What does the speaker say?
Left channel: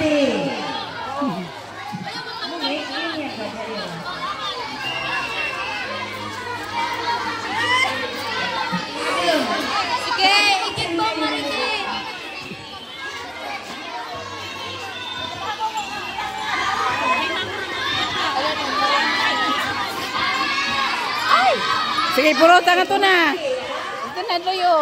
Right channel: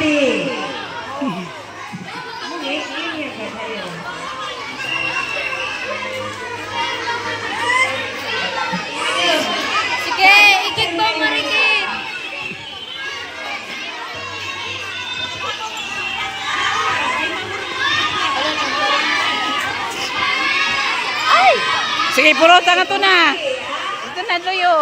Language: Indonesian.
Marty. Sige, ikit mo, marikit. Sige, puro tangan to na. Ito na, Loyo.